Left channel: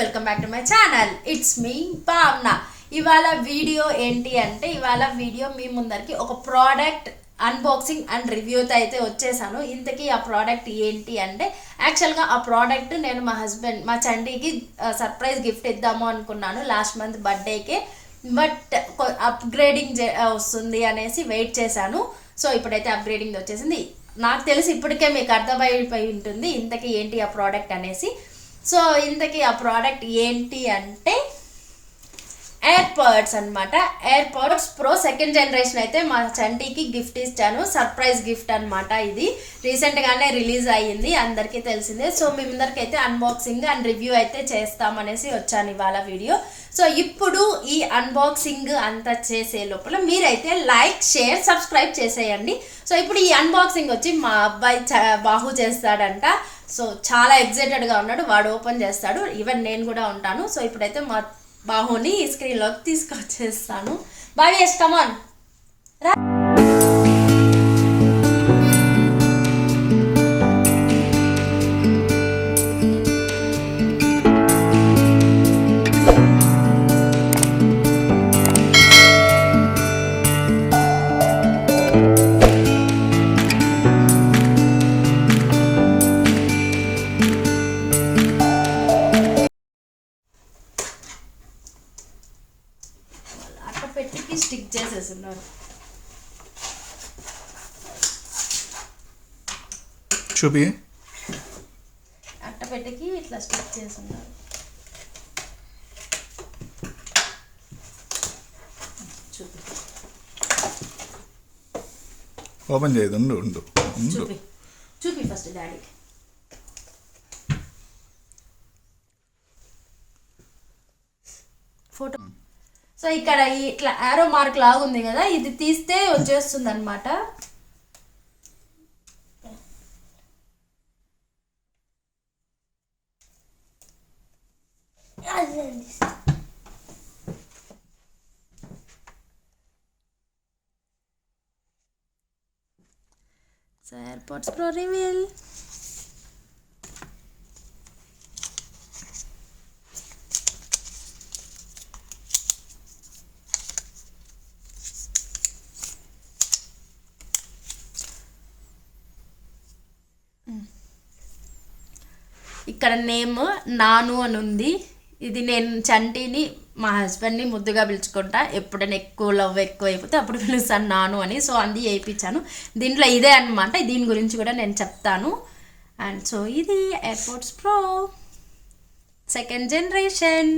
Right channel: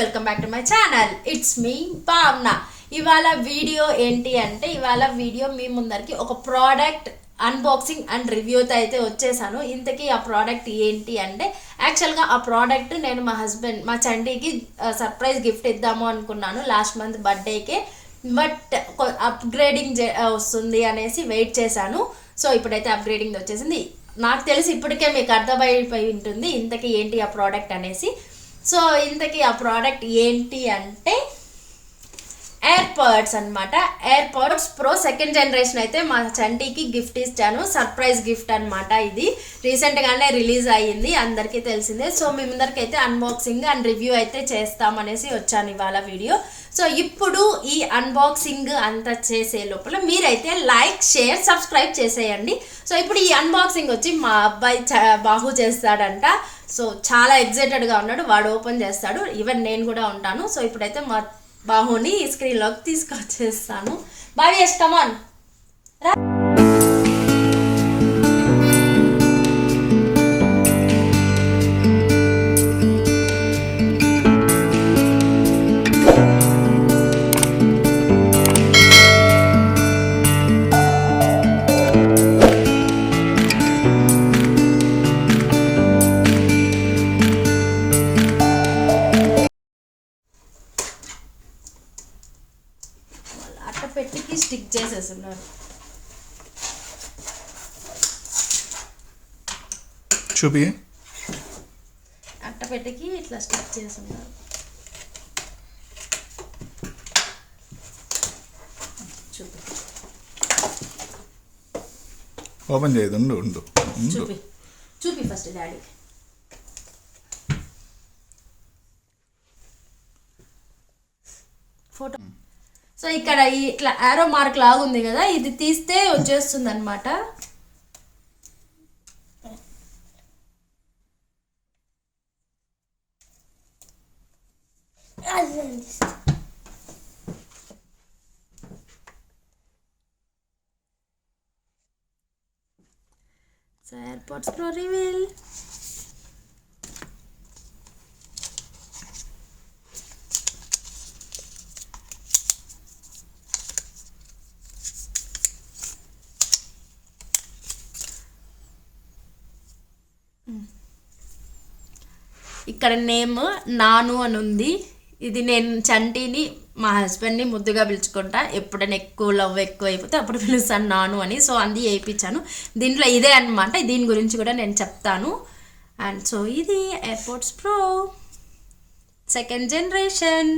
Welcome back to my channel. It's me భావన. ఇవాళ video ఏంటి అంటే మీ ముందరికి ఒక ప్రోడక్ట్ అన్బాక్సింగ్ అండ్ రివ్యూతో అయితే వచ్చేసాను. ఇంతకీ ఆ ప్రోడక్ట్ ఏంటి అంటే యాక్చువల్గా ఆ ప్రోడక్ట్ నేను మా చండీకి సర్ప్రైజ్ గిఫ్ట్ ఇద్దాము అనుకున్నాను లాస్ట్ మంత్ బర్త్డేకే. బట్ అప్గ్రేడింగ్ వస్తుంది అనేసి వెయిట్ చేశాను. సో ఇప్పుడైతే అప్గ్రేడింగ్ వచ్చేసింది. నాకు తెలిసి ఇప్పటికే మీకు అర్థమైపోయి ఉంటుంది ఇంతకీ ఏంటి ఆ ప్రోడక్ట్ అనేసి. సో ఇంతకీ ఆ ప్రోడక్ట్ ఏంటి అంటే ఎయిర్పాడ్స్ అనమాట. ఎయిర్పాడ్స్ ప్రో సెకండ్ జనరేషన్ అయితే మా చంటీకి గిఫ్ట్ ఇచ్చాను. సర్ప్రైజ్ గిఫ్ట్ అనమాట. ఇది రీసెంట్గానే రిలీజ్ అయ్యింది, అందరికీ తెలిసిందే. సో మీ ముందరికి అయితే అన్బాక్సింగ్ అండ్ రివ్యూ అయితే చేస్తామనేసి వచ్చాను ఇవాళ వీడియో. సో ఇప్పుడు ఈ అన్బాక్సింగ్ అంతా చేసే లోపల మీరైతే లైక్, షేర్, సబ్స్క్రైబ్ చేసేయండి. సో ఇప్పుడు ఈ అన్బాక్సింగ్ వచ్చి మా అబ్బాయి బాహు చేస్తాడంట. సో చాలా ఎక్సైటెడ్గా ఉన్నాడు, వాడు ఓపెన్ చేస్తాడు. ఈవెన్ నేను కూడా ఉంటాను. సో ఇప్పుడైతే మా బాహుని స్క్రీన్లోకి తీసుకొచ్చేస్తాను. భావ్యేష్ కమాన్ రా. పెట్టికి స్టిక్ చేసేస్తున్నారు. చూపి అట్టపెట్టికి ఇట్లా స్టిక్ చేస్తున్నారు. చూపి ఓపెన్ చేయదు. ఉండు చూపి చూపి ఫస్ట్ డాడీకి. ఫోటో. సో ఇక్కడ ఇట్లా ఆరో మార్క్ లాగా ఉంది కదా, ఇది తీస్తే వచ్చేస్తుంది అనమాట. So airports pro reveal. ఇక్కడ నేమ్ నాను అని ఉంది. ఇది నేను చంటిని మా హస్బెండ్ని ముద్దుగా పిలుచుకుంటా. ఎప్పుడైనా ఎక్కువ లవ్ ఎక్కువ అయిపోతే అప్పుడు పిలుస్తాను నాను అని. సో అంది వేయించాను. దీంట్లో ఇదే అనమాట. దీని గురించి కూడా నేను చెప్తాను. అండ్ సో ఇది ఎయిర్పోర్ట్స్ ప్రో సెకండ్ జనరేషన్.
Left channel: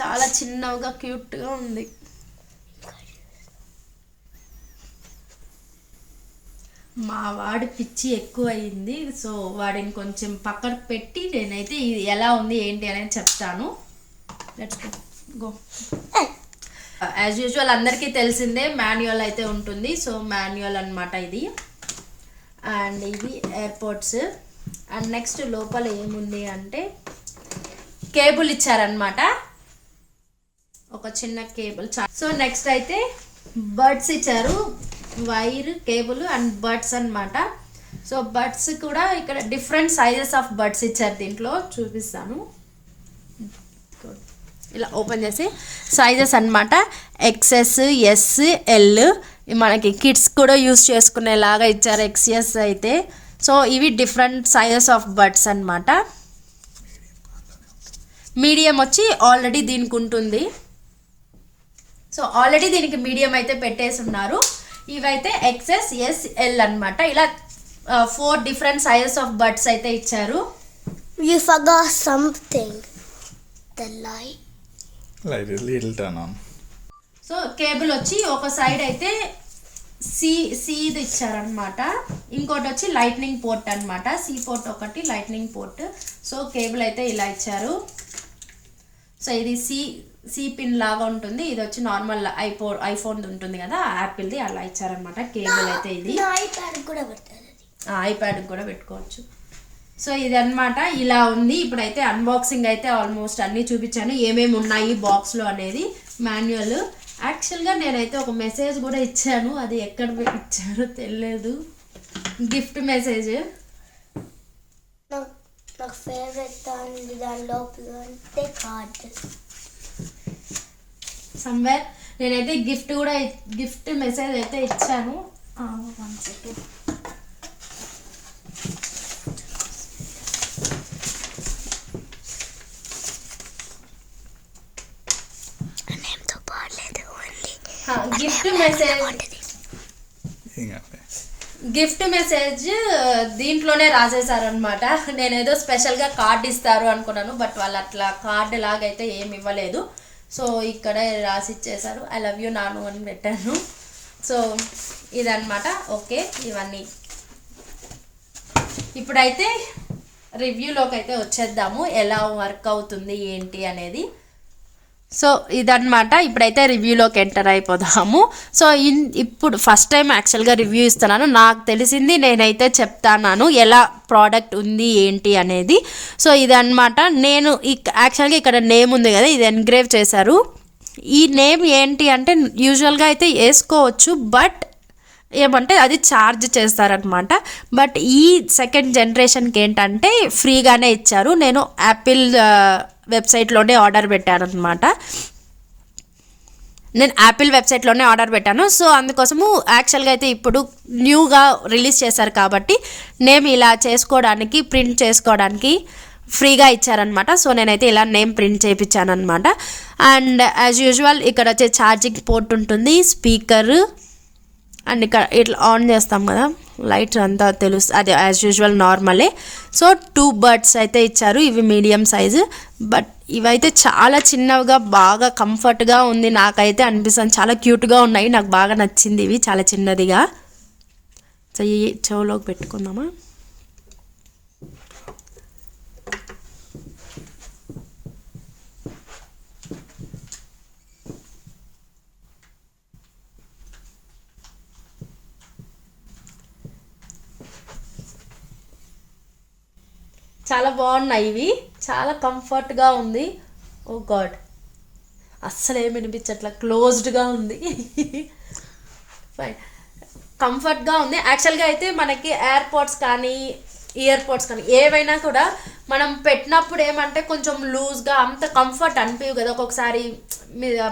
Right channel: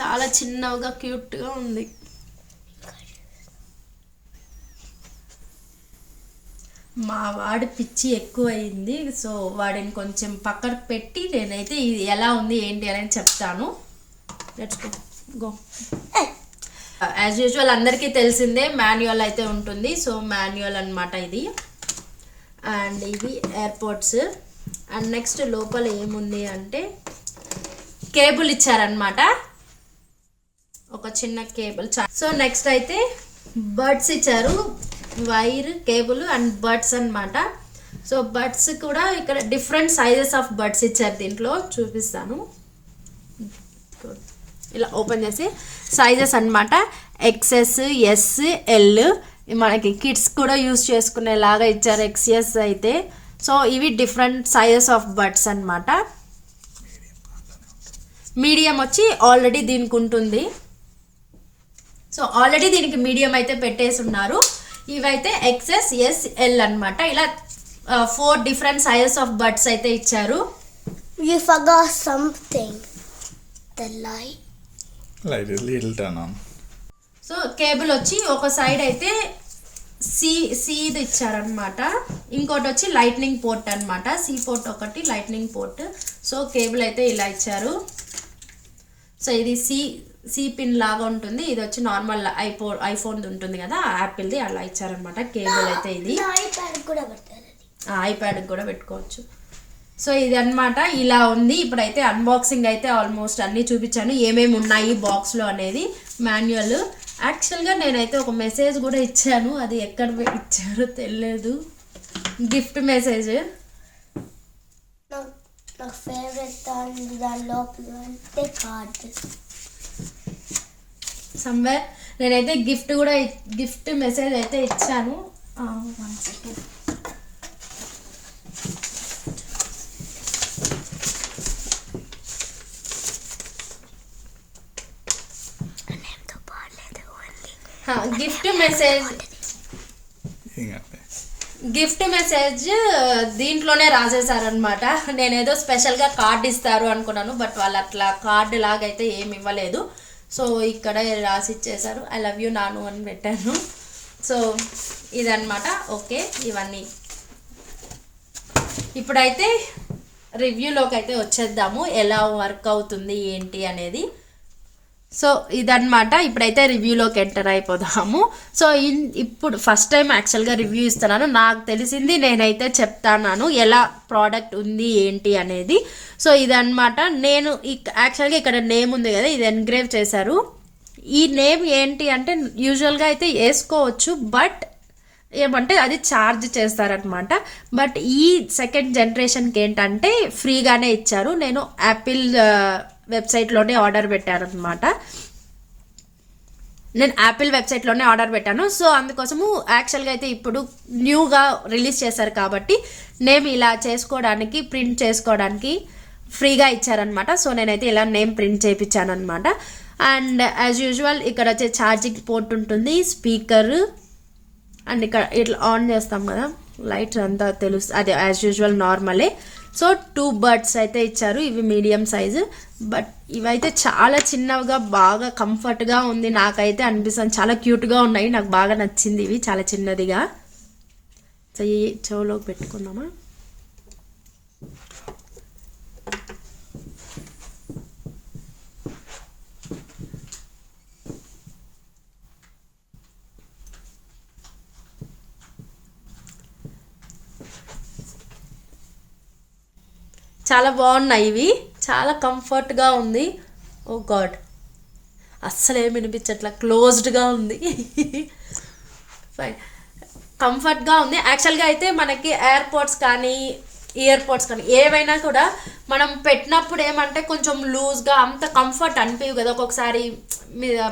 చాలా చిన్నగా క్యూట్గా ఉంది. మా వాడి పిచ్చి ఎక్కువ అయింది. సో వాడిని కొంచెం పక్కన పెట్టి నేనైతే ఇది ఎలా ఉంది ఏంటి అనేది చెప్తాను. Let's go. యాజ్ యూజువల్ అందరికీ తెలిసిందే మాన్యువల్ అయితే ఉంటుంది. సో మాన్యువల్ అనమాట ఇది. అండ్ ఇది ఎయిర్పోర్ట్స్. అండ్ నెక్స్ట్ లోపల ఏముంది అంటే కేబుల్ ఇచ్చారనమాట, ఒక చిన్న కేబుల్. సో నెక్స్ట్ అయితే బడ్స్ ఇచ్చారు, వైర్, కేబుల్ అండ్ బడ్స్ అనమాట. సో బడ్స్ కూడా ఇక్కడ డిఫరెంట్ సైజెస్ ఆఫ్ బడ్స్ ఇచ్చారు. దీంట్లో చూపిస్తాను. ఇలా ఓపెన్ చేసి సైజెస్ అనమాట. XS, S, L. మనకి కిడ్స్ కూడా యూస్ చేసుకునేలాగా ఇచ్చారు XS అయితే. సో ఇవి డిఫరెంట్ సైజెస్ ఆఫ్ బడ్స్ అనమాట. మీడియం వచ్చి ఆల్రెడీ దీనికి ఉంటుంది. సో ఆల్రెడీ దీనికి మీడియం అయితే పెట్టేసి ఉన్నారు. ఇవైతే XS, S, L అనమాట. ఇలా 4 డిఫరెంట్ సైజెస్ ఆఫ్ బడ్స్ అయితే ఇచ్చారు. You forgot something. The light. Light is little turn on. So cable వచ్చి ఒక సైడ్ అయితే సీది ఇచ్చారనమాట, ఇంకోటి వచ్చి లైట్నింగ్ పోర్ట్ అనమాట. సి పోర్ట్ ఒకటి, లైట్నింగ్ పోర్ట్. సో కేబుల్ అయితే ఇలా ఇచ్చారు. సో ఇది సి పిన్ లాగా ఉంటుంది. ఇది వచ్చి నార్మల్ ఐఫోన్ ఉంటుంది కదా, యాపిల్ది, అలా ఇచ్చారనమాట కేబుల్ అయితే. ఇది ఐప్యాడ్ కూడా పెట్టుకోవచ్చు. సో ఇది అనమాట, ఇలా ఉంది. ఇప్పుడైతే అన్బాక్సింగ్ అయితే ఆల్మోస్ట్ అన్నీ చూపించాను ఏమేమి ఉన్నాయి బాక్స్లో అనేది. మాన్యువల్. యాక్చువల్గా నేనైతే ఒక మెసేజ్ కూడా ఇచ్చాను, అది ఎక్కడ ఇచ్చారో తెలియదు. Gift message. నా ఫేవరెట్ దానిలో కార్డ్ సమ్వేర్. నేనైతే గిఫ్ట్ మెసేజ్ అయితే ఇచ్చాను. 1 సెకండ్. గిఫ్ట్ మెసేజ్ దీంట్లోనే రాసేసారనమాట. నేనేదో స్పెషల్గా కార్డ్ ఇస్తారు అనుకున్నాను, బట్ వాళ్ళు అట్లా కార్డ్ లాగైతే ఏమి ఇవ్వలేదు. సో ఇక్కడ రాసి ఇచ్చేసారు, ఐ లవ్ యూ నాను అని పెట్టాను. సో ఇదన్నమాట. ఓకే, ఇవన్నీ ఇప్పుడైతే రివ్యూలోకి అయితే వచ్చేద్దాము, ఎలా వర్క్ అవుతుంది ఏంటి అనేది. సో ఇదన్నమాట. ఇప్పుడైతే రివ్యూలోకి ఎంటర్ అయిపోదాము. సో ఇప్పుడు ఫస్ట్ టైం యాక్చువల్గా రివ్యూ ఇస్తున్నాను. నాకు తెలిసింది నేనైతే చెప్తాను ఎలా ప్రోడక్ట్ ఉంది ఏంటి అనేది. సో ఇదన్నమాట. నేను యాక్చువల్గా ఇక్కడ నేమ్ ఉంది కదా, ఇది ఎన్గ్రేవ్ చేశారు. ఈ నేమ్ ఏంటి అంటే యూజువల్గా అయితే వేసుకోవచ్చు, బట్ ఏమంటే అది ఛార్జ్ చేస్తారనమాట. బట్ ఈ సెకండ్ జనరేషన్కి ఏంటంటే ఫ్రీగానే ఇచ్చారు. నేను యాపిల్ వెబ్సైట్లోనే ఆర్డర్ పెట్టాను అనమాట. సో అందుకోసము యాక్చువల్గా అయితే ఇప్పుడు న్యూగా రిలీజ్ చేశారు కాబట్టి నేమ్ ఇలా చేసుకోవడానికి, ప్రింట్ చేసుకోవడానికి ఫ్రీగా ఇచ్చారనమాట. సో నేనైతే ఇలా నేమ్ ప్రింట్ చేయించాను అనమాట. అండ్ యాజ్ యూజువల్ ఇక్కడ వచ్చే ఛార్జింగ్ పోర్ట్ ఉంటుంది, స్పీకర్, అండ్ ఇక్కడ ఇట్లా ఆన్ చేస్తాం కదా లైట్స్ అంతా తెలుసు, అది యాజ్ యూజువల్ నార్మలే. సో 2 బడ్స్ అయితే ఇచ్చారు, ఇవి మీడియం సైజు. బట్ ఇవైతే చాలా చిన్నవిగా బాగా కంఫర్ట్గా ఉంది, నాకైతే అనిపిస్తుంది. చాలా క్యూట్గా ఉన్నాయి, నాకు బాగా నచ్చింది ఇవి, చాలా చిన్నదిగా. సో ఈ చెవులోకి పెట్టుకుందామా. చాలా బాగున్నాయి ఇవి, చాలా కంఫర్ట్గా ఉంది. ఓ గాడ్, అస్సలు ఏమి వినిపించట్లా, క్లోజ్డ్గా ఉంది. ఫైన్, కంఫర్ట్గా ఉంది. యాక్చువల్గా అయితే మనకి ఎయిర్పోడ్స్ కానీ ఇయర్ పోడ్స్ కానీ ఏవైనా కూడా మనం పెట్టినప్పుడు ఏమంటే కొంచెం లూజ్గా అంత కంఫర్ట్ అనిపించవు కదా ఒక్కొక్కసారి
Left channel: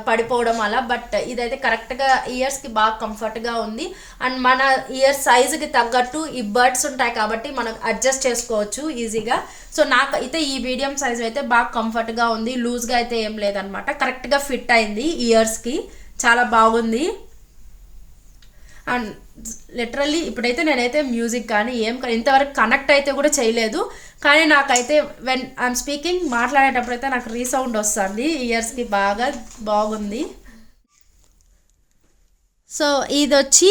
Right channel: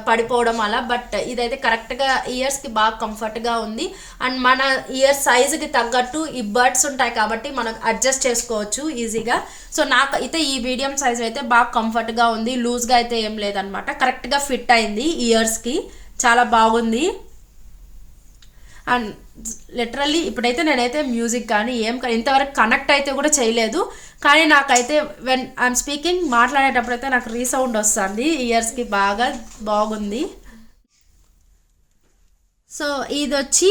పడిపోవడం అలా. బట్ ఇదైతే కరెక్ట్గా ఇయర్స్కి బాగా కంఫర్ట్గా ఉంది. అండ్ మన ఇయర్ సైజుకి తగ్గట్టు ఈ బడ్స్ ఉంటాయి కాబట్టి మనం అడ్జస్ట్ చేసుకోవచ్చు ఈజీగా. సో నాకు అయితే ఈ మీడియం సైజ్ అయితే బాగా కంఫర్ట్గా ఉంది, లూజ్గా అయితే ఏం లేదనమాట, కరెక్ట్గా ఫిట్ అయింది ఇయర్స్కి, చాలా బాగుంది. అండ్ లిటరల్లీ ఇప్పుడైతే నేనైతే మ్యూజిక్ కానీ ఇంతవరకు కనెక్ట్ అయితే కూడా చేయలేదు. కానీ నాకైతే వెన్ ఐఎమ్ స్పీకింగ్ మాట్లాడేటప్పుడు అయితే నాకు రీసౌండ్ వస్తుంది, ఇయర్స్కి బాగా బాగుంది. సో ఇది వచ్చి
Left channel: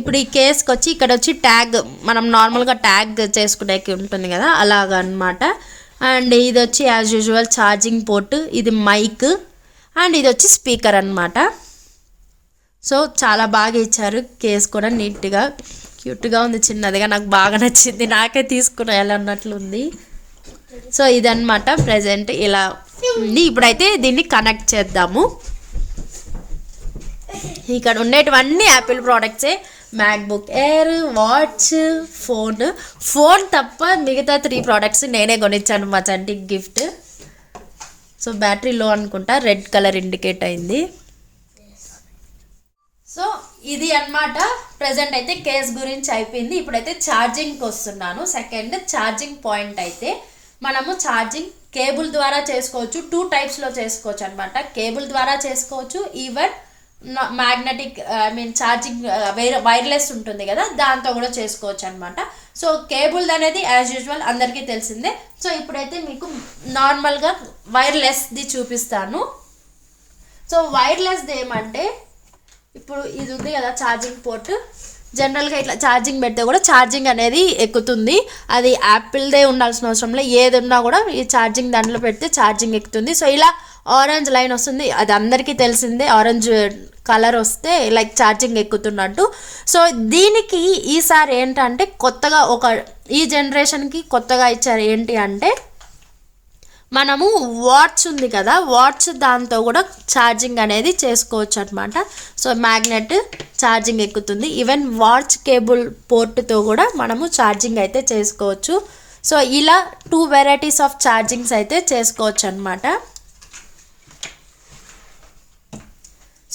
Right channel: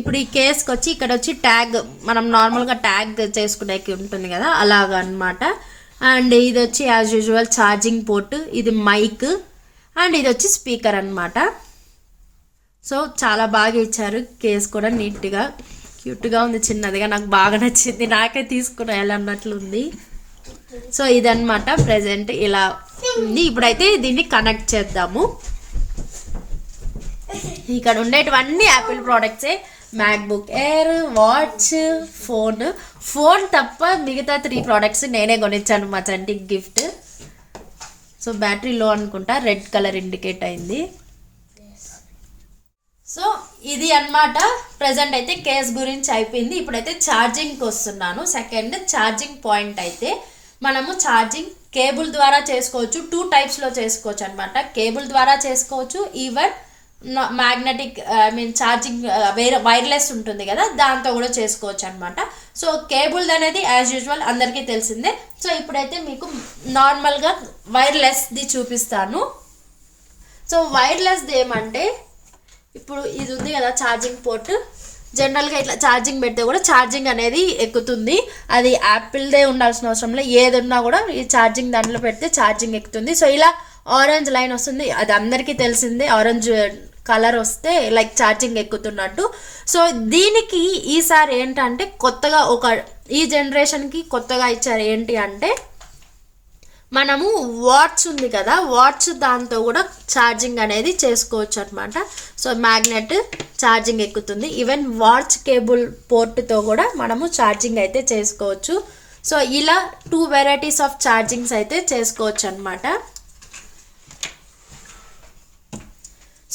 ఇప్పుడు ఈ కేస్కి వచ్చి ఇక్కడ వచ్చి ట్యాగ్, మనం నార్మల్గా ట్యాగ్ చేసుకునేకి ఉంటుంది కదా అలాగా అనమాట. అండ్ ఇది వచ్చి యాజ్ యూజువల్ ఛార్జింగ్ పోర్ట్, ఇది మైక్, అండ్ ఇది వచ్చి స్పీకర్ అనమాట. సో చాలా బాగా ఇచ్చారు, కేస్ కూడా నీట్గా క్యూట్గా ఉంది, చిన్నదిగా, నాకు బాగా నచ్చింది, నాకే తీసుకురాయాలి అన్నట్లు ఉంది. సో ఇదన్నమాట ప్రెజెంట్ ఇలా ఉంది. ఇప్పుడైతే దీన్ని కనెక్ట్ చేద్దాము. ఇక్కడ ఉండేటివన్నీ యాపిల్ ప్రోడక్ట్సే, మ్యాక్బుక్ ఎయిర్, వాచ్, ఫోన్ తప్ప మిగతా 3 ప్రోడక్ట్స్ నేనే కొనిచ్చాను మా చంటికి గిఫ్ట్. సో బ్యాటరీ లో అనుకుంటా, రెడ్ కలర్ ఇండికేట్ అయింది. సో ఇది అన్నమాట ప్రజెంట్ అయితే కేస్ గురించి అయిపోయింది. ఇప్పుడైతే ఛార్జింగ్కి వస్తున్నాను. సెకండ్ ఛార్జింగ్ పాయింట్ అయితే మనము ఛార్జింగ్ కేబుల్ ద్వారా చేసుకోవచ్చు, 2 టైప్స్లో చేసుకోవచ్చు అనమాట. కేబుల్ ద్వారా చేసుకోవచ్చు, ఈవెన్ మ్యాగ్నెటిక్ ఛార్జింగ్ వైర్లెస్ ఉంటుంది కదా దాంతో కూడా చేసుకోవచ్చు అనమాట. సో కేబుల్ అనేది యాజ్ యూజువల్ అందరికీ తెలిసిందే. సో ఇప్పుడైతే మీకు నార్మల్గా వైర్లెస్ది చూపిస్తాను. సో వైర్లెస్ది ఏమంటే ఇప్పుడు ఇది ఉంది కదా ఛార్జింగ్ పోర్ట్, జనరల్గా ఇట్లా ఛార్జింగ్ పెడితే కూడా ఛార్జింగ్ అనేది ఎక్కుతుంది. అది యాపిల్దే ఉండాల్సిన అవసరం లేదు, ఏది ఉన్నా కూడా ఈ ఛార్జింగ్ దాంట్లో పెడితే ఛార్జింగ్ ఎక్కుతుంది. సో ఇలా ఆరెంజ్ లైన్ వస్తుంది, అది అందరికీ తెలిసిందే, ఆరెంజ్ కలర్ వస్తే లైక్ ఛార్జింగ్ ఎక్కుతున్నట్టు. సో దీనికి ఈసారి ఏంటంటే కొత్తగా ఈ జనరేషన్కి కొత్తగా ఇచ్చారు ఏంటి అంటే మనము వాచ్ ఉంది కదా, వాచ్ దాంతో కూడా ఛార్జింగ్ అనేది చేసుకోవచ్చు అనమాట. సో మ్యాగ్నెట్ ఛార్జింగ్ ఎక్కుతుంది. ఈవెన్ వాచ్ కేబుల్ పోర్ట్తో కూడా మనము ఛార్జింగ్ అయితే చేసుకోవచ్చు. సో ఇలా 2 వెరైటీస్ ఆఫ్ ఛార్జింగ్స్ అయితే చేసుకోవచ్చు అనమాట.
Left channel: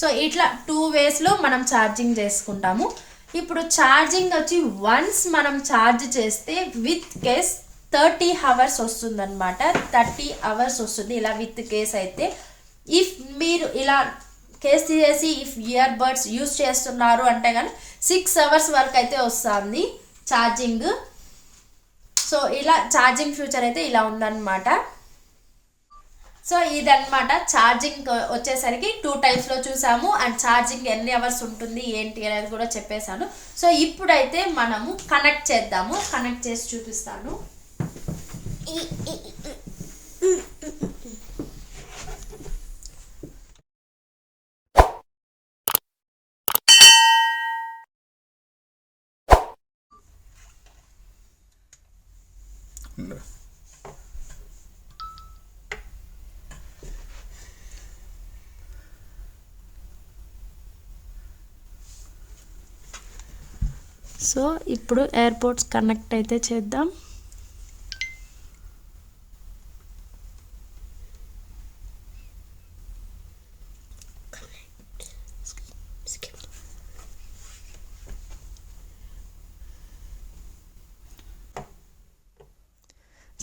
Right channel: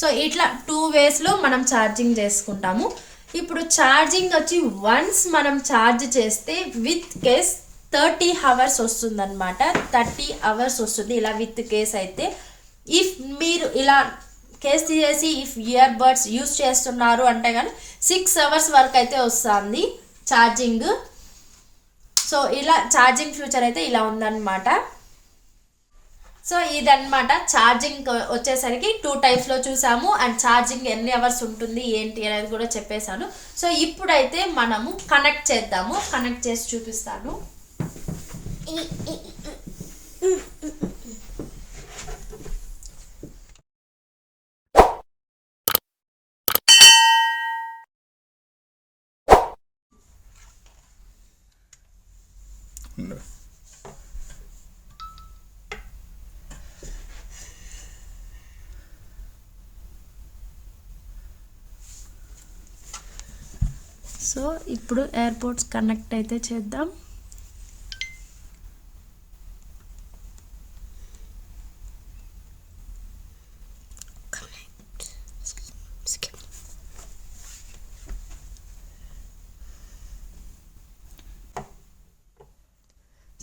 సో ఇట్లా 2 వేస్లో మనం ఛార్జింగ్ చేసుకుంటాము. ఇప్పుడు ఛార్జింగ్ వచ్చి వన్స్ మనం ఛార్జ్ చేస్తే విత్ కేస్ 30 అవర్స్ వస్తుందన్నమాట. 30 అవర్స్ వస్తుంది ఇలా విత్ కేస్ అయితే. ఇఫ్ మీరు ఇలా కేస్ తీసేసి ఇఫ్ ఇయర్ బడ్స్ యూస్ చేస్తున్నారు అంటే కానీ 6 అవర్స్ వరకు అయితే వస్తుంది ఛార్జింగ్. సో ఇలా ఛార్జింగ్ ఫ్యూచర్ అయితే ఇలా ఉందన్నమాట. సో ఇదన్నమాట ఛార్జింగ్ వచ్చేసరికి 2 టైప్స్లో చూసాము. అండ్ ఛార్జింగ్ ఎన్ని అవర్స్ ఉంటుంది ఏంటి అనేది కూడా చెప్పేశాను. సో ఇప్పుడైతే మనము కనెక్ట్ చేద్దాము. కనెక్ట్ చేసి చూపిస్తాను. ఉండు. సో ఇప్పుడు ఎయిర్పోర్ట్స్ కనెక్ట్ అయితే చేద్దాం.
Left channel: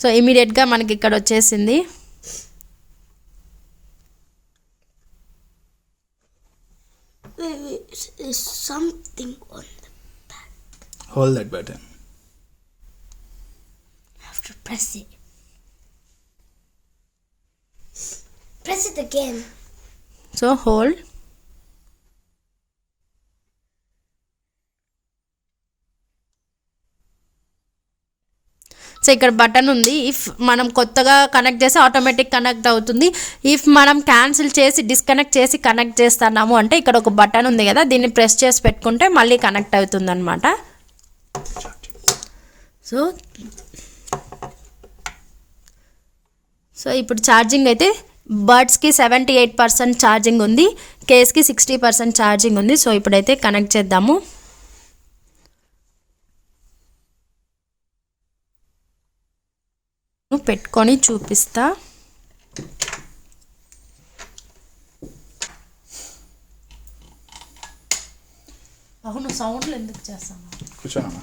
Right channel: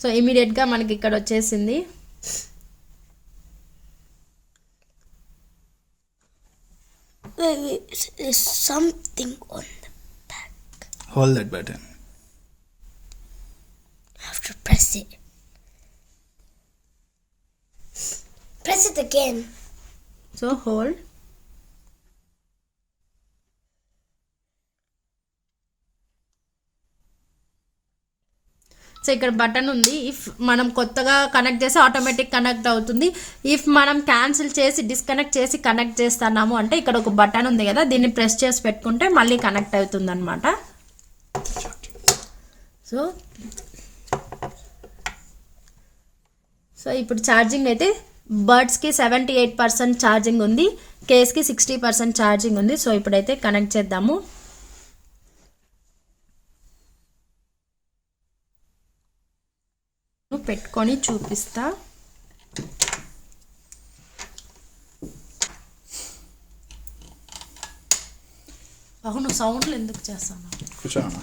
సో ఇమీడియట్గా మనకి ఇక్కడ వచ్చేసింది. There's something on the back. Hold that button. I have to press it. Press it again. So hold. So ఇక్కడ బటన్ ఉంది. ఇఫ్ మనం కొత్తగా కనెక్ట్ చేస్తే ఆటోమేటిక్ కనెక్ట్ అవుతుంది. ఇఫ్ మనం క్యాన్సిల్ చేసి డిస్కనెక్ట్ చేసి కనెక్ట్ చేస్తున్నాము అంటే ఇక్కడ ఒక బటన్ ఉంది కదా, దీన్ని ప్రెస్ చేసి పెట్టుకుంటే మళ్ళీ కనెక్ట్ అవుతుంది అనమాట. సో ఇప్పుడు ఛార్జింగ్ అయితే బడ్స్కి 78% ఛార్జింగ్ ఉంది, కేస్కి 60% ఛార్జింగ్ ఉంది. సో ఇప్పుడైతే కనెక్ట్ చేద్దాము. పెట్టుకొని చూపిస్తా. అవును, సౌండ్లు ఎందుకు చేస్తాను? కూర్చోనా?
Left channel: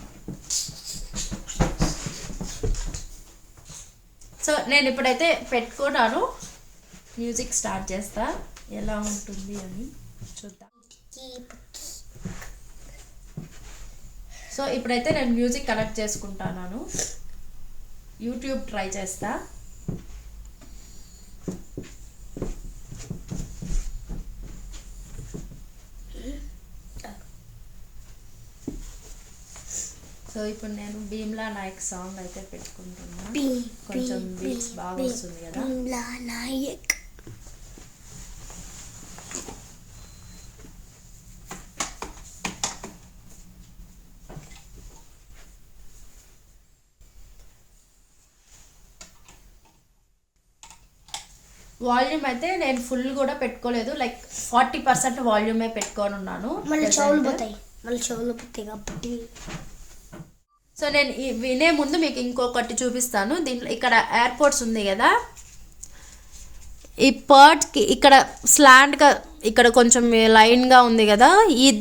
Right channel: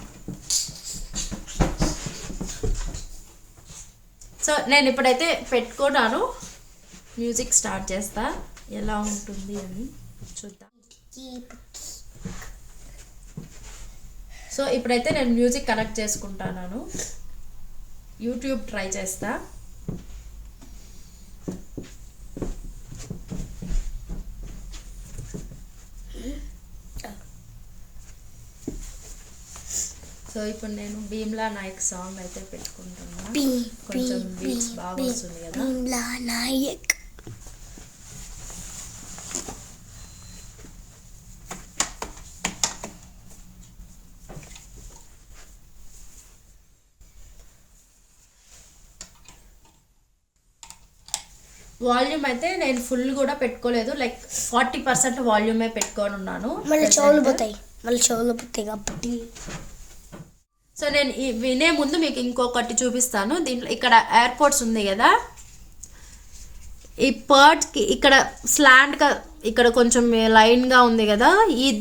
సో నేను ఇప్పుడైతే పెట్టుకున్నాను, మ్యూజిక్ స్టార్ట్ చేస్తా, ఎలా ఉంటుంది అని చూద్దాం. సో ఇప్పుడైతే నేను మ్యూజిక్ కనెక్ట్ చేసుకుంటాను. యూట్యూబ్ ట్రై చేస్తా. సో ఇప్పుడు నేను భీమ్లా నాయక్ సాంగ్ అయితే పెట్టుకుంటున్నా. కొంచెం బీట్స్ బాగా వస్తుంది కదా. భీమ్లా నాయక్. వాల్యూమ్ అయితే నేను ఫుల్ కూడా పెట్టుకోలేదు, లైక్ 40% వాల్యూమే పెట్టుకొని ఉన్నాను. మళ్ళీ చెవులు పోతాయి కాబట్టి. సో నేను వినే ముందు మీకు ఇంకొకటి చూపిస్తాను. దీంట్లో ఇక్కడ ఎయిర్పోర్ట్స్ ఉంది కదా, ఈ పర్డ్కి ఇక్కడ స్లాంట్గా ఇక్కడ కొంచెం లైన్గా ఉంది కదా,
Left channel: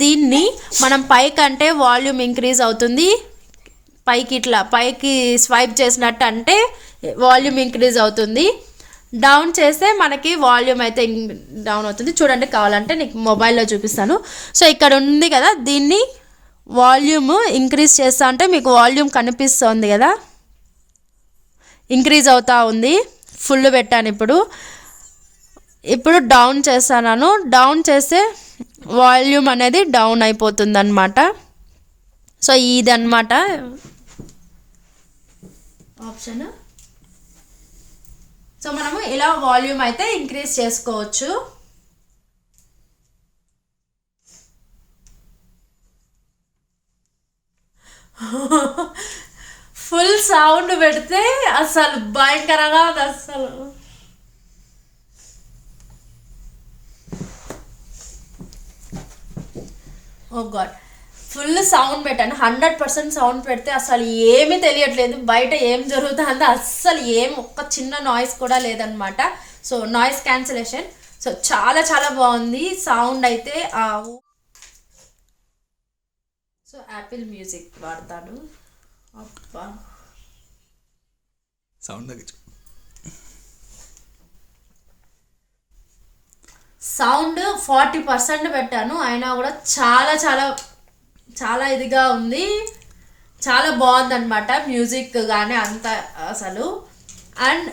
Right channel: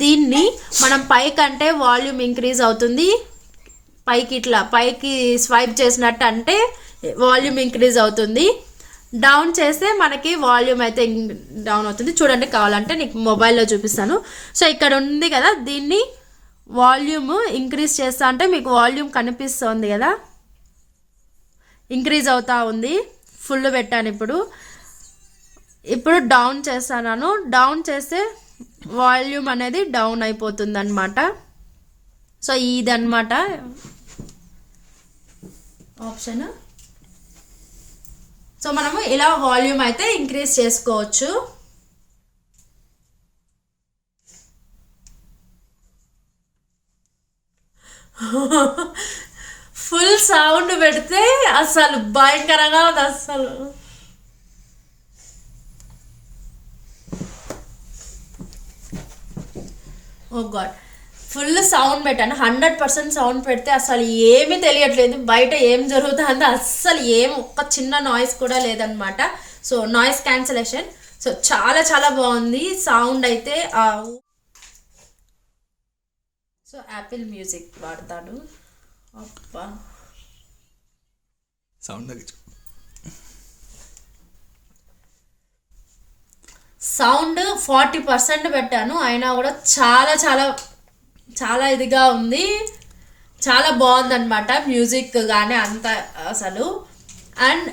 దీన్ని మనం పైకి అంటే వాల్యూమ్ ఇంక్రీజ్ అవుతుంది, పైకి ఇట్లా పైకి స్వైప్ చేసినట్టు అంటే వాల్యూమ్ ఇంక్రీజ్ అవుతుంది, డౌన్ చేస్తే మనకి వాల్యూమ్ అయితే డౌన్ అవుతుంది. చూడండి, కావాలంటే నీకు మొబైల్లో చూపిస్తాను. సో ఇక్కడ ఉంది కదా, దీన్ని వాల్యూమ్ ఇంక్రీజ్ చేస్తా అంటే మీకు వాల్యూమ్ కనిపిస్తుంది కదా, ఇంక్రీజ్ అవుతూ ఉంది. ఫుల్ పెట్టాను. ఇప్పుడు డౌన్ చేస్తాను. డౌన్ చేస్తే వాల్యూమ్ అనేది డౌన్ అయిపోతుంది అన్నమాట. సో ఇదన్నమాట ఆప్షన్. సో మనము ఇలా వాల్యూమ్ అయితే ఇంక్రీజ్ చేసుకోవచ్చు. ఫుల్ సౌండ్ పెడితే అసలు భయంకరంగా ఉంది అసలు. ఓ గాడ్, ఫుల్ సౌండ్ పెట్టాను. 100% సౌండ్ పెడితే అసలు ఏమీ తెలియట్లేదు, బయట ఏం జరుగుతుందో అస్సలు ఏం ఒక్క చిన్న నాయిస్ కూడా లేదనమాట. So noise cancellation. సో చాలా చాలా బాగుంది సౌండ్ అయితే. సో యాపిల్ మ్యూజిక్ వాడతాను. అబ్బా సౌండ్ తగ్గించు. సౌండ్ 40% పెట్టాను, అయినా కూడా చాలా చాలా చాలా ఇదిగా ఉంది. చాలా బాగుందన్నమాట మ్యూజిక్ కానీ అంత అసలు. అండ్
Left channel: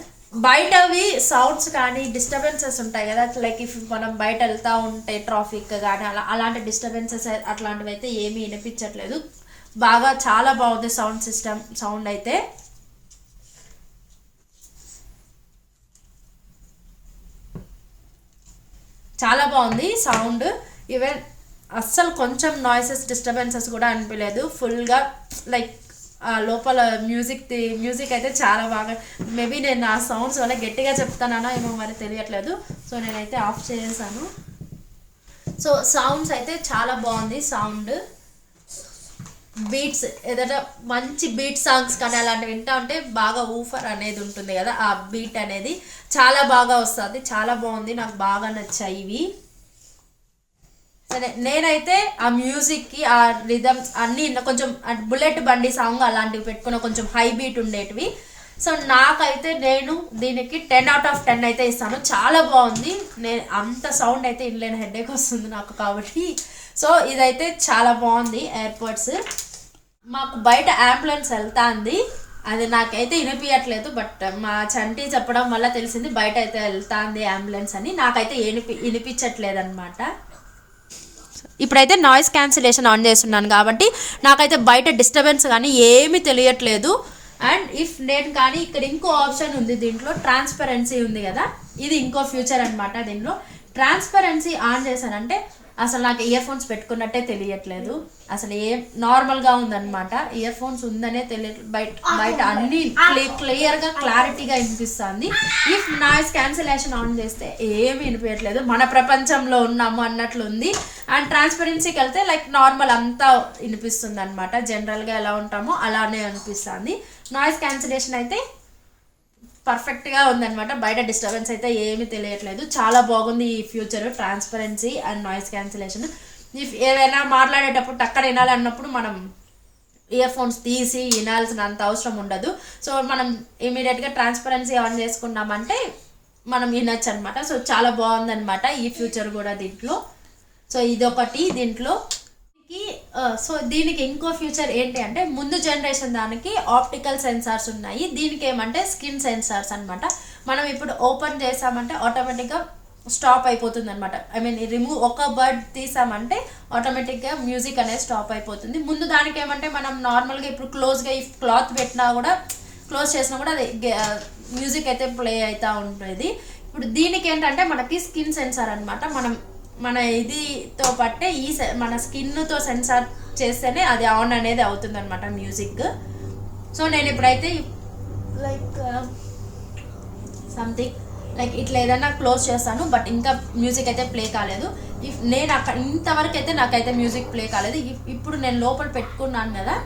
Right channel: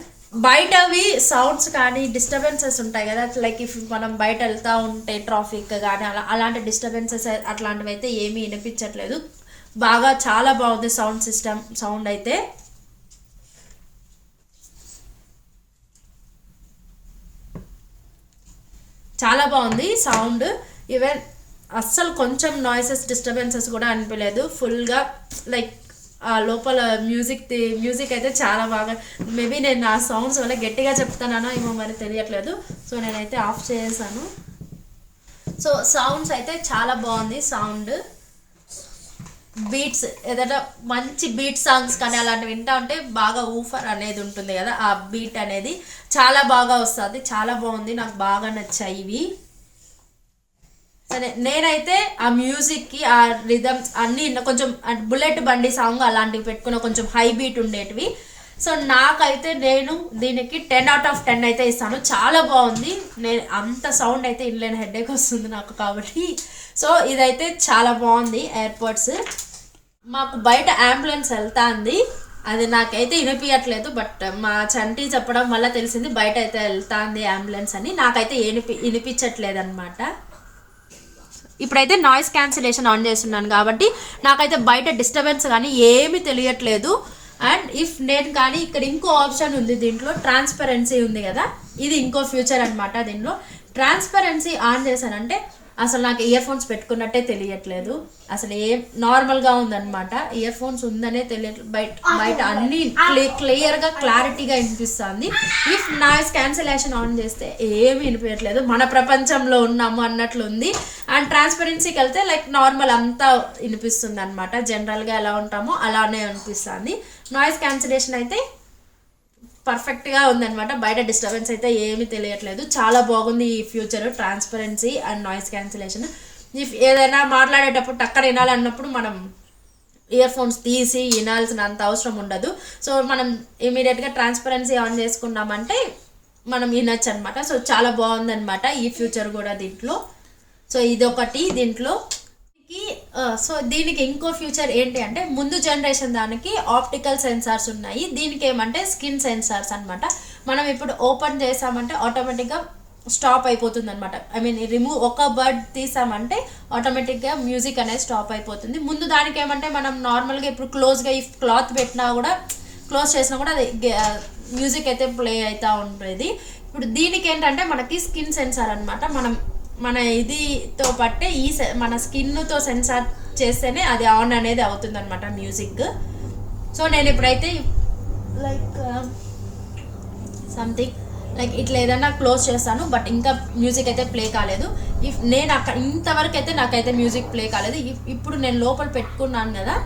బయటవి సౌండ్స్ కానీ డిస్టర్బెన్సెస్ ఉంటాయి కదా, లైక్ ఇఫ్ మనం బయట వెళ్తూ ఉంటే ట్రాఫిక్ కానీ అలాంటి డిస్టర్బెన్సెస్ అట్లాంటివి అయితే ఏమీ వినిపించట్లేదు. బాగా చాలా బాగుంది సౌండ్ సిస్టమ్. సౌండ్ అయితే చాలా బాగుంది సౌండ్. ఈవెన్ అస్సలు కొంచెం నాయిసెస్ డిస్టర్బెన్సెస్ కూడా అనిపించలేదు. ఫుల్గా లైక్ లోపల మ్యూజిక్ అయితే చాలా బాగా. మేబీ నేను నా సౌండ్స్ వల్ల గట్టిగా చెప్తానా ఏమో మరి తెలియట్లేదు. సో నేనైతే ఆఫ్ చేసాను. సో సౌండ్స్ అయితే చాలా బాగుంది. సౌండ్ బీట్స్ ఏదైనా మంచి బీట్ సాంగ్స్ కానీ అలాంటివి వింటా ఉంటే బాగా ఊఫర్ అనేది ఉంటుంది కదా, ఆ బీట్ అనేది చాలా బాగా వస్తుంది. చాలా బాగుంది, నాకు బాగా నచ్చాయి ఇవి. సరే నేనైతే ఆ మ్యూజిక్కి ఆ రిథమ్స్ అన్నీ కొంచెం బుల్లెట్ బండి సాంగ్ అలాంటివి పెట్టుకున్న కొంచెం హై బీట్ ఉండేటివి. సో నాకైతే నేను దీనికి 10/10 అయితే ఇస్తాను. చాలా బాగుంది. నేను అంత సౌండ్ అయితే ఇన్లేని హెడేక్ వస్తుంది నాకు కాబట్టి. సో ఇదైతే చాలా బాగుంది ఎయిర్పోర్ట్స్. మాకు బయట అంబులెన్స్ వెళ్తాంది, అది నాకైతే వినిపించట్లేదు. బట్ మా చంటి చెప్పడం వల్ల తెలిసింది బయట అయితే వెళ్తాంది అంబులెన్స్ అని. నాకైతే వినిపించట్లేదు అనమాట. ఇప్పుడైతే నాయిస్ క్యాన్సిలేషన్ ఆన్ చేస్తున్నాను కాబట్టి నాకైతే బయట డిస్టర్బెన్స్ కానీ ఏమీ తెలియట్లేదు. అండ్ ఇఫ్ నేను కానీ ఇక్కడ ఇంకో ఆప్షన్ ఉంది, దీంట్లో ట్రాన్స్పరెన్సీ ఉంది కదా, ఇది ఇంకో ఫ్యూచర్ అనమాట. దీంట్లో ట్రాన్స్పరెన్సీ ఆన్ చేశానంటే అసలు నాకు ఇయర్ ఫోన్స్ పెట్టుకున్నట్టే తెలియట్లేదు. అసలు ఏం నార్మల్గా ఉందన్నమాట. ఇయర్ ఫోన్స్ ఉందనే తెలియట్లేదు. బయట అన్ని క్లియర్గా క్లారిటీగా వినిపిస్తుంది. ఇఫ్ నాయిస్ క్యాన్సిలేషన్ ఆన్ చేస్తే ఏమి వినిపించట్లేదు, మన ప్రపంచంలో ఉన్నాము అన్నట్లు ఉంది. అండ్ ట్రాన్స్పరెన్సీకి వెళ్తే లైక్ నార్మల్ అంతా వినిపిస్తుంది అనమాట. జనరల్గా ఎలా ఉంటామో అలానే అనిపిస్తుంది. నాయిస్ క్యాన్సిలేషన్ అయితే పర్ఫెక్ట్గా ఉందన్నమాట. బయట డిస్టర్బెన్స్ అయితే ఏమీ తెలియట్లేదు. చాలా బాగుంది ఈ future, transparency and noise cancellation. If ఏదైనా మాట్లాడేటప్పుడు టక్కన వినాలన్నప్పుడు మనం ఇయర్ ఫోన్స్ తీసి వినాల్సినంత అవసరం ఉండదు. సో మనం ఇమీడియట్గా ట్రాన్స్పరెన్సీ ఆన్ చేసుకున్నామంటే మనం వినొచ్చు అనమాట. సో చాలా బాగుందన్నమాట ఈ ఫ్యూచర్ కూడా దీంట్లో. సో ఇదొకటి దీంట్లో. సో దీనికి ఇంకో ఫ్యూచర్ ఏంటి అంటే, ముందు జనరేషన్ దానికి ఆప్టికల్ సెన్సార్స్ ఉన్నాయి, దీనికి ఏమంటే స్కిన్ సెన్సార్స్ అనమాట. మనం ఇప్పుడు ఓపెన్ చేసామంటే ఆటోమేటిక్గా స్టాప్ అయిపోతుంది అనమాట. ఐ మీన్ రిమూవ్ ఒక బర్డ్ తీసామంటే ఆటోమేటిక్గా మ్యూజిక్ అనేది స్టాప్ అయిపోతుంది. ముందు దానికి ఏమంటే మనం నార్మల్గా ఇప్పుడు క్లోజ్గా ఈ క్లాత్ పెట్టినా కూడా, క్లోజ్ చేసినా కూడా అది మ్యూజిక్ అయితే ప్లే అవుతూ ఉంటుంది. ఇప్పుడు దీనికి ఏంటంటే మనకి స్కిన్ సెన్సార్ అనమాట. మన ఇదితో పట్టే మన స్కిన్తో సెన్సార్ చేస్తేనే అది ఆన్ అనేది అవుతుంది అనమాట మ్యూజిక్. సో నేను ఇప్పుడైతే లైక్ సంథింగ్ లైక్ ఇట్లా ఏదైనా క్లోజ్ చేస్తాను, బట్ ఇంకా మ్యూజిక్ అయితే ప్లే కాలేదు. ఇఫ్ నేను అక్కడ ఇంతవరకు అయితే నాకైతే మ్యూజిక్ ప్లే కాలేదు. ఇప్పుడు నేను లోపల పెట్టుకున్నాను కదా,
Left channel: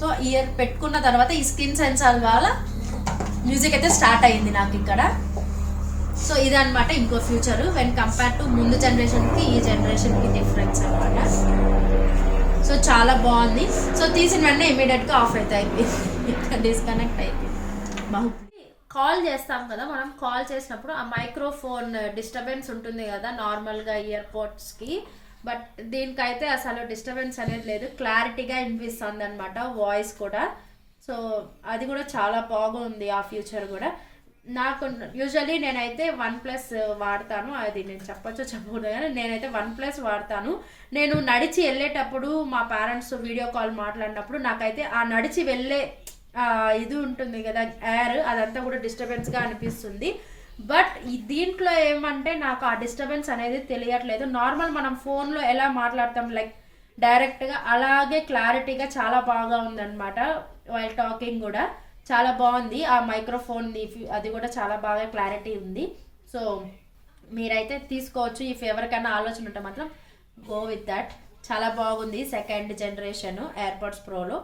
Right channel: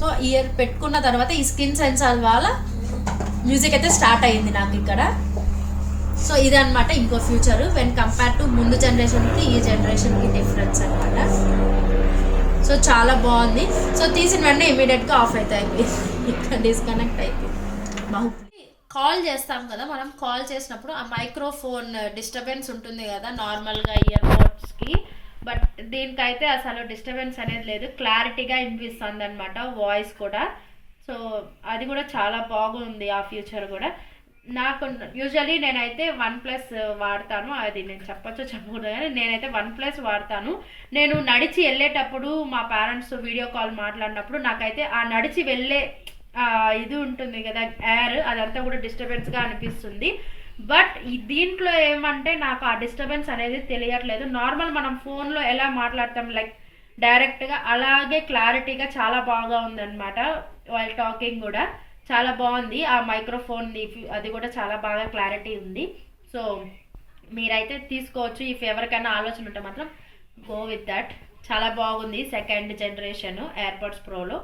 సో ఇయర్ పెట్టుకున్న తర్వాత ఈ స్కిన్ సెన్సార్ వల్ల మ్యూజిక్ అయితే స్టార్ట్ అయ్యింది నాకు ఇక్కడ. సో ఇదనమాట ఇంకో ఫ్యూచర్ వెన్ కంపేర్ టు ముందు జనరేషన్కి ఈ జనరేషన్కి డిఫరెన్స్ అనమాట. సో చాలా బాగుంది. సో తీసిన వెంటనే ఇమీడియట్గా ఆఫ్ అయితే అయిపోయింది, ఇక్కడ డిస్కనెక్ట్ అయిపోయింది. కాల్ చేస్తాం కదా, మనం కాల్ చేసినప్పుడు ఆ మైక్రోఫోన్ డిస్టర్బెన్స్ ఉంటుంది కదా నార్మల్గా ఇయర్ పోడ్స్కి, బట్ దీనికైతే అసలు డిస్టర్బెన్స్ అనేది లేదు, క్లారిటీగా వినిపిస్తుంది అనమాట వాయిస్ కూడా. సో అది కూడా చాలా బాగుంది ఆ ఫ్యూచర్ కూడా. నాకు యూజువల్లీ నేనైతే OnePlus వాడతాను, అది నేను చెప్పకూడదు కానీ నేనైతే OnePlus వాడతాను. నేను నడిచి వెళ్ళేటప్పుడు మా పేరెంట్స్ వీడియో కాల్ మాట్లాడినప్పుడు నాకైతే ఆ నడిచి వెళ్ళే ఇది ఉంటుంది కదా ఎయిర్, అదంతా కూడా డిస్టర్బెన్స్గా అనిపిస్తుంది. బట్ దీంట్లో ఏమంటే నాకు ఆ డిస్టర్బెన్స్ అనేది తెలియట్లేదు. నార్మల్ మనం ఫోన్లో ఎలా మాట్లాడతాం లైక్ డైరెక్ట్గా అలాగే క్లారిటీగా చాలా బాగా ఉందన్నమాట. వైల్ టాకింగ్ కూడా చాలా బాగుంది. ఆ మైక్రోఫోన్ అది కూడా చాలా బాగా క్లారిటీ ఉంది. సో మీరైతే తీసుకోవచ్చు. ఇఫ్ ఎవరికైనా ఆలోచన ఉంటే మాత్రం గో విత్ దట్. చాలా బాగుంది సెకండ్ జనరేషన్ ఎయిర్పాడ్స్ ప్రోలో.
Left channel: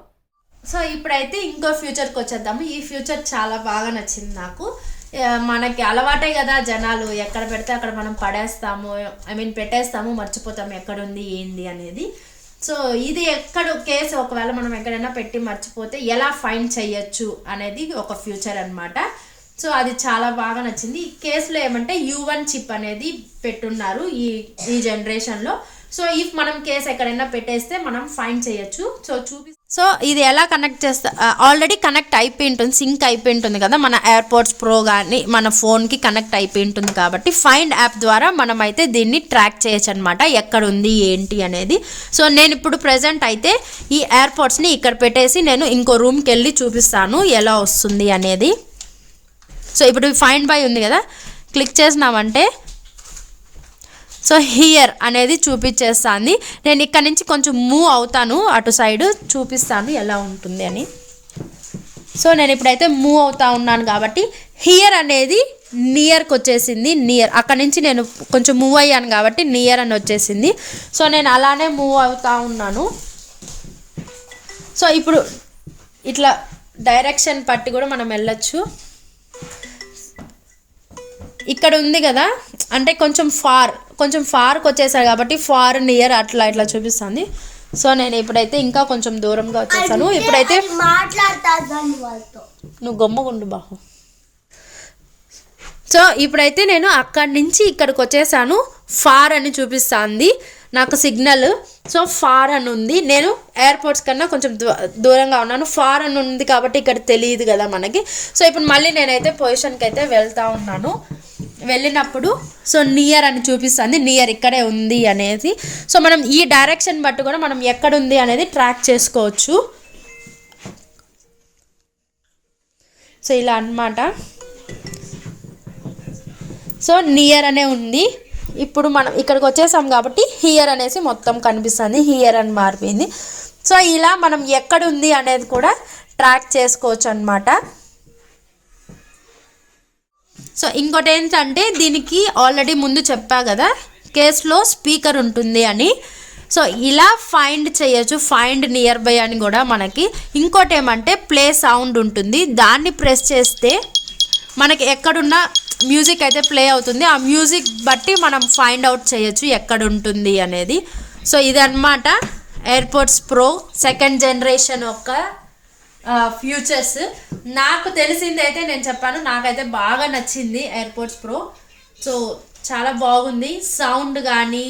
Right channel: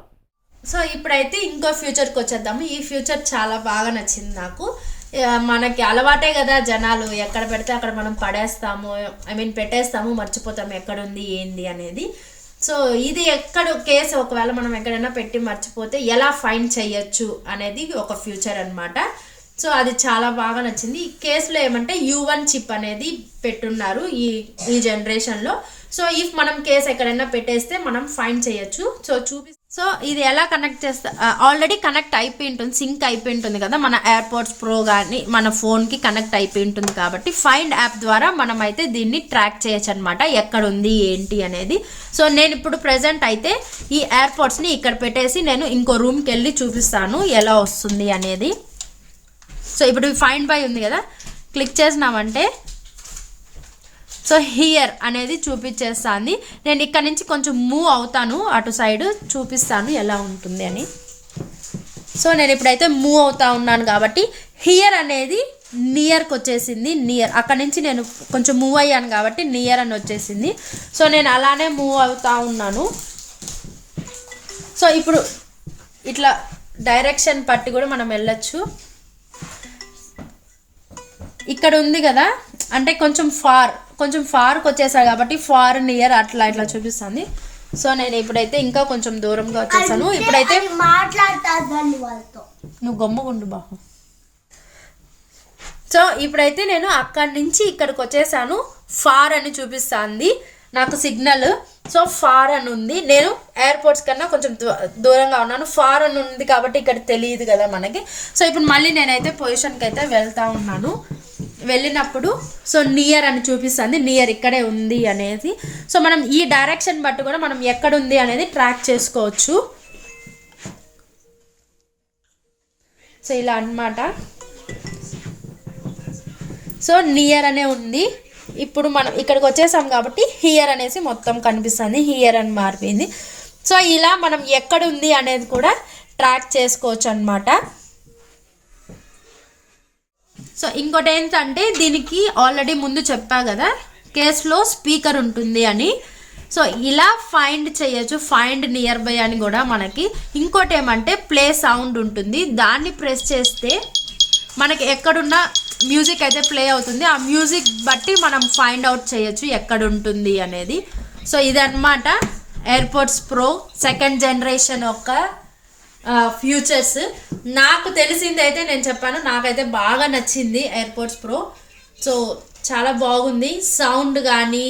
సో ఇప్పుడైతే ఇంకో ఫ్యూచర్కి వచ్చేద్దాము. ఈ ఫ్యూచర్ చాలా బాగా నచ్చింది నాకు. మనకి అలవాటే కదా, జనాలు ఎక్కడ పెడితే అక్కడ మనం పడేస్తాము, పెట్టేస్తాము, మర్చిపోతాము ఎక్కడ ఉంది ఏంది అనేది. సో ఇది ఎక్కడ కేసు ఒకవేళ మనం ఎక్కడైనా పెట్టి మర్చిపోతే ఎలా ఫైండ్ చేయొచ్చు అనేది ఒక ఫ్యూచర్ అనమాట. సో అది చాలా బాగా నచ్చింది. ఈ కేసులో ఏమంటే U1 చిప్ అనేది పెట్టున్నారు ఈ జనరేషన్లో. సో ఇఫ్ మనం కేసు ఎక్కడైనా పెట్టేస్తే మనం ఫైండ్ చేయొచ్చు. సో ఇది ఎలా కనెక్ట్ చేస్తా, ఆల్రెడీ కనెక్ట్ అయిపోయి ఉంటుంది, సింక్ అయిపోయి ఉంటుంది కదా మన ఎయిర్పాడ్స్ ప్రో కానీ మన ఫోన్కి కనెక్ట్ అయిపోయి ఉంటుంది కాబట్టి ఫైండ్ యాప్ ద్వారా మనం అయితే దీన్ని ట్రాక్ చేయొచ్చు అనమాట, ఎక్కడ ఉంది ఏంటి అనేది. సో నేను ఇప్పుడు ప్రెజెంట్ అయితే ఈ ఎయిర్పాడ్స్ని ఇక్కడ పెట్టేసి నేను ఇంకో రూమ్కి వెళ్ళి చూపిస్తాను ఎలా వస్తుంది అనేది. సో ఇప్పుడు ఫైండ్ బై ఉంది కదా, క్లిక్ చేసినామంటే సో హియర్ అనేది చూపించేస్తాను. నేను ఇక్కడ నుంచి కొంచెం మూవ్ అవుతాను అటు సైడ్, చూపిస్తాను ఎలా ఉంటుంది అని. సో నేను ఇప్పుడైతే మూవ్ అవుతా ఉన్నాను కాబట్టి హియర్ అనేది నియర్కి వచ్చేసింది. నియర్ అక్కడ నుంచి నేను కొంచెం మూవ్ అయ్యాను కాబట్టి నియర్ అని వచ్చేసింది. సో నేను అలానే మూవ్ అవుతా ఉన్నాను. సో ఇప్పుడు ఇట్లా డైరెక్షన్ పట్టి కూడా మనం వెళ్ళొచ్చు. ఇక్కడ ఉంది కదా, అంటే కొంచెం ఫార్కి వచ్చేసారు కాబట్టి ఫార్ నియర్ అట్లా ఇట్లా చూపిస్తుంది. సో నేను ఇప్పుడైతే ఇంకా కొంచెం దూరంగా వచ్చేసాను. ఇప్పుడైతే నువ్వు గమ్ముగుండు బాహు. సో ఇప్పుడైతే నేను అక్కడి నుంచి ఇక్కడికి వచ్చేసాను. ఫార్ అని చూపిస్తుంది నాకు సిగ్నల్. సో ఫార్ అని ఉంది, నేను ఎయిర్పోర్ట్స్ కన్నా కొంచెం దూరంగా ఉన్నాను. ఫార్ అని ఉంది కాబట్టి ఇక్కడ తెలియదు కదా మనకి. సో ఇప్పుడు మళ్ళీ నేనైతే పొజిషన్కి అయితే వెళ్తా ఉన్నాను. వెళ్ళినప్పుడు సో నియర్ అని చూపిస్తుంది, నియర్ ఇక్కడే ఉంది అనేది. సో మనం ఈ డైరెక్షన్ బట్టి కూడా మనం ఎక్కడ ఉంది అనేది ట్రాక్ చేసుకోవచ్చు. సో ఇలా అన్నమాట. సో నియర్ అనే ఉంది. ఇప్పుడు మనం ఇక్కడికి వచ్చేసాం కాబట్టి హియర్ అనేసి మొత్తం కనిపిస్తుంది, హియర్ అని మారిపోయింది. సో ఇలా మనం ఎక్కడ ఉంది అనేది కూడా ట్రాక్ చేసుకోవచ్చు అన్నమాట. సో ఇంకోటి ఏంటంటే దీనికి ఆల్రెడీ ముందు చెప్పా కదా కేసులో స్పీకర్ ఉంటుంది అని. సో ఇలా ఫైండ్ చేయొచ్చు, ఫైండ్ నియర్ బై అని కూడా మనకి. ఇంకోటి ఏమంటే ప్లే సౌండ్ ఉంటుంది, దాన్ని ప్రెస్ చేస్తే మనకి ఎక్కడున్న మ్యూజిక్ అయితే ప్లే అవుతుంది. ఆ మ్యూజిక్ బట్టి మనం ఫైండ్ అవుట్ చేయొచ్చు ఎక్కడ ఉంటుంది అనేది. సో ఇదన్నమాట ఎయిర్పోర్ట్స్ ప్రో సెకండ్ జనరేషన్ యొక్క ఫ్యూచర్స్. నాకు తెలిసింది అయితే నేను చెప్పాను, నాకైతే బాగా నచ్చింది ఎయిర్పోర్ట్స్ ప్రో. సో చాలా బాగుంది, సౌండ్ కానీ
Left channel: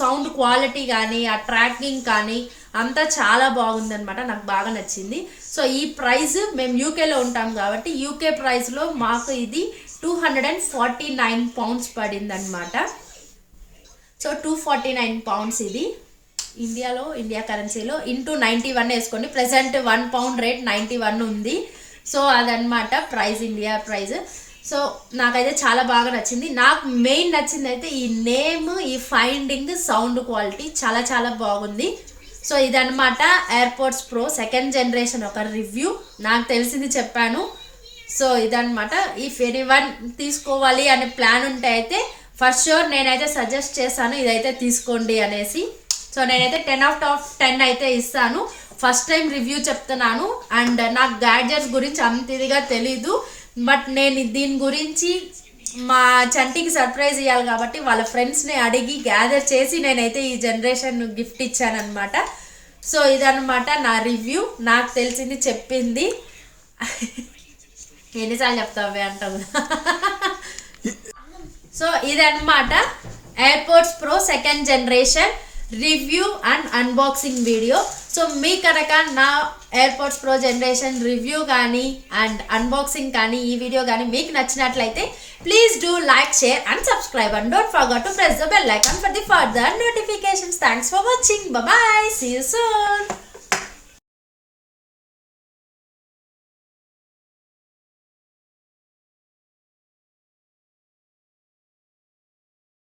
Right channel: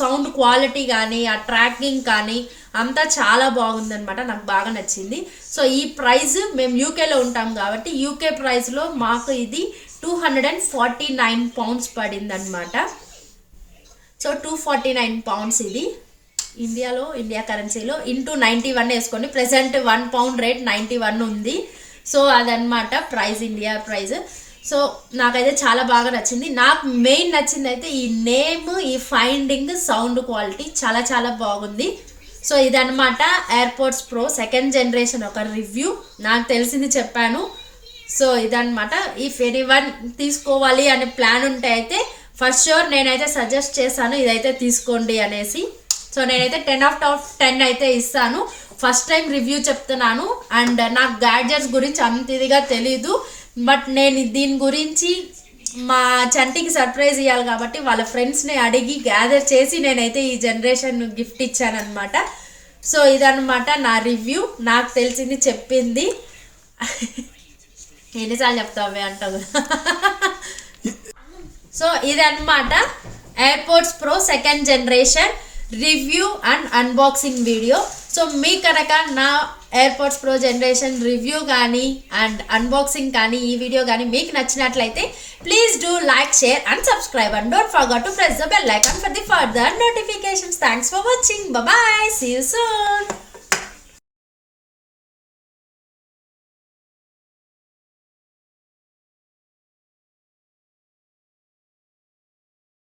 సౌండ్ క్వాలిటీ కానీ ఆ ట్రాకింగ్ కానీ అంతా చాలా బాగుందనమాట, నాకు బాగా నచ్చింది. సో ఈ ప్రైస్ మేము యూకేలో ఉంటాం కాబట్టి యూకే ప్రైస్లో మాకు ఇది 249 పౌండ్స్ పడింది అనమాట. సో 249 పౌండ్స్ ఇది ఇండియా కరెన్సీలో ఇంటూ 91 వేసుకోండి. ప్రెసెంట్ 1 పౌండ్ రేట్ 91 ఉంది. సో అదనమాట ప్రైస్, ఇండియా ప్రైస్. సో నాకైతే చాలా బాగా నచ్చింది. నాకు మెయిన్ నచ్చింది అయితే ఈ నేమ్, ఈ ఫైండింగ్, సౌండ్ క్వాలిటీ చాలా చాలా బాగుంది. సో ఇదనమాట ఎయిర్పోర్ట్స్ ప్రో సెకండ్ జనరేషన్ ఒక రివ్యూ. నాకు తెలిసింది చెప్పాను. సో ఇదనమాట. ఇఫ్ ఎనీవన్ తీసుకోవాలి అనే ప్లాన్ ఉంటే అయితే ఫస్ట్ షూర్ నేనైతే సజెస్ట్ చేశాను ఇదైతే తీసుకోండి అనేసి. సో నేనైతే 10/10 అయితే ఇస్తాను. ఫస్ట్ టైం రివ్యూ చెప్తున్నాను అండ్ నాకు గ్యాడ్జెట్స్ గురించి అంత ఇదిగా తెలీదు. బట్ నేను దీని గురించి మా చంటికి సర్ప్రైజ్ ఇవ్వాలి కాబట్టి వాళ్ళ ఫ్రెండ్స్ని అడిగి గ్యాదర్ చేసి నేనైతే ఈ జనరేషన్ గిఫ్ట్ ఇచ్చాను అనమాట. సో ఇదనమాట నా రివ్యూ, నాకు తెలిసింది చెప్పింది. ఎన్నిసార్లు చెప్తావే అంటావు. సో ఇదన్నమాట AirPods Pro second generation review and unboxing video. So మీ కనుక నా ఎయిర్పోర్ట్స్ ప్రో జనరేషన్ రివ్యూ కానీ అండ్ అన్బాక్సింగ్ కానీ ఈ వీడియో కానీ మీకు నచ్చినట్లయితే please do like, share and subscribe and don't forget to press the bell icon for the further notifications. Thanks for watching. Bye bye. See you soon.